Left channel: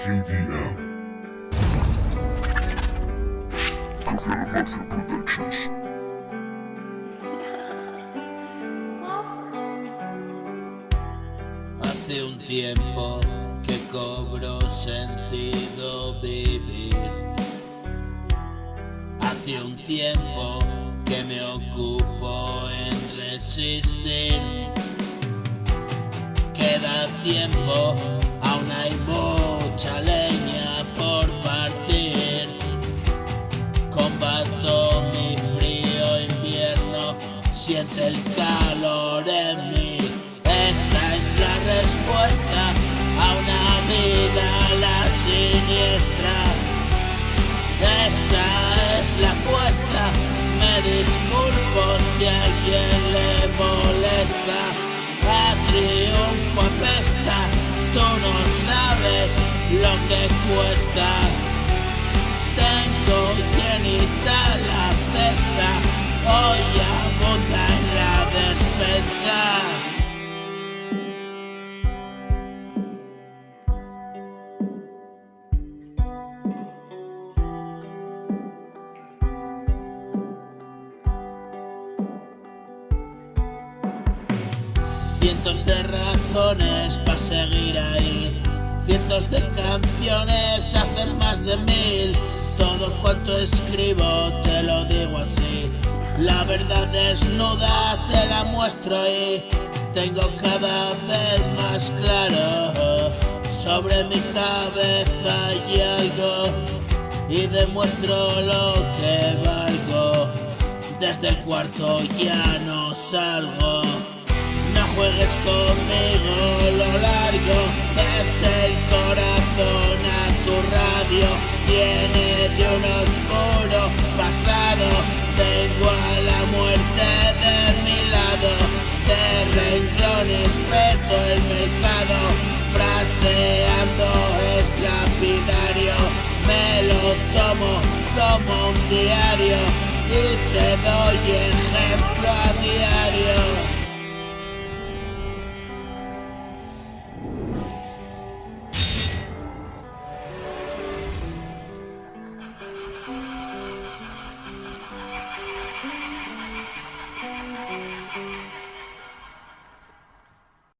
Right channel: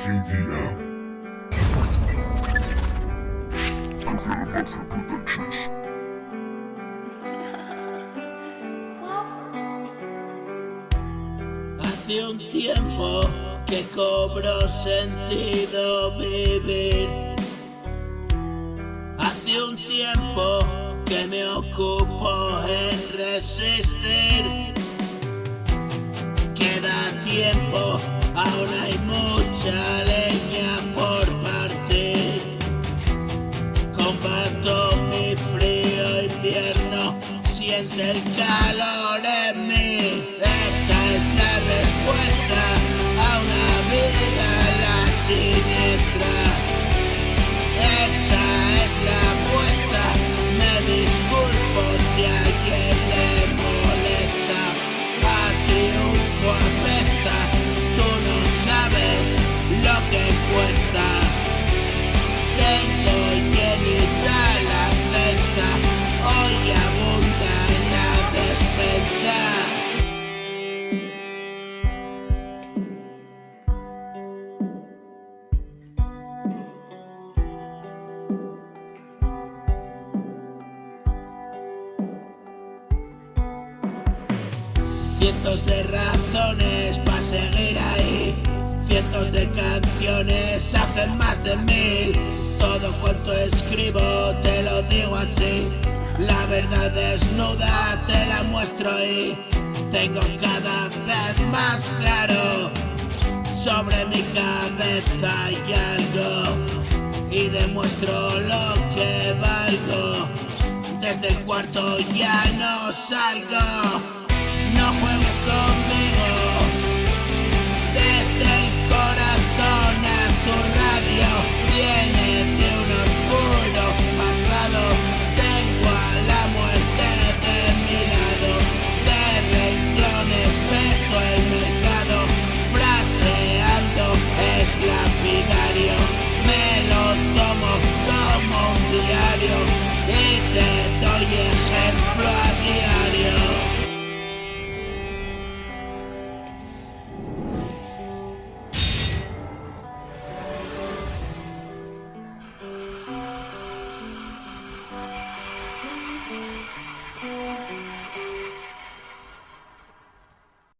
TDM. Productions. Hace un tiempo que cobró sentido vivir. Hace un tiempo que me ocupo en resistir. Queda tiempo, aún hay mucha leña por partir. Combato mi frío invierno, siente el calor en mí. Esta es la respuesta a una vida a la siniestra. Esta es la apuesta, me disculpo si a alguien le molesta. A triunfo apesta, tú no sabes lo que cuesta. Tengo llenita la cesta, hoy abunda en la despensa. Cientos de razones para seguir ahí, cientos de canciones hacen más de 1000. Todo cuanto escribo te lo digo así, la verdad desnuda te la muestro y tengo cada vez más claro sobre mi cabeza hay algo y demuestro lo que valgo. Desde el cuarto ya no salgo. No juegues conmigo lo largo, desde el corazón a tu radio. Viene de un oscuro pasado, tengo a la muerte de mi lado. De renglones peto el mercado, fraseando es lapidario. Me lo tomo como un diario y te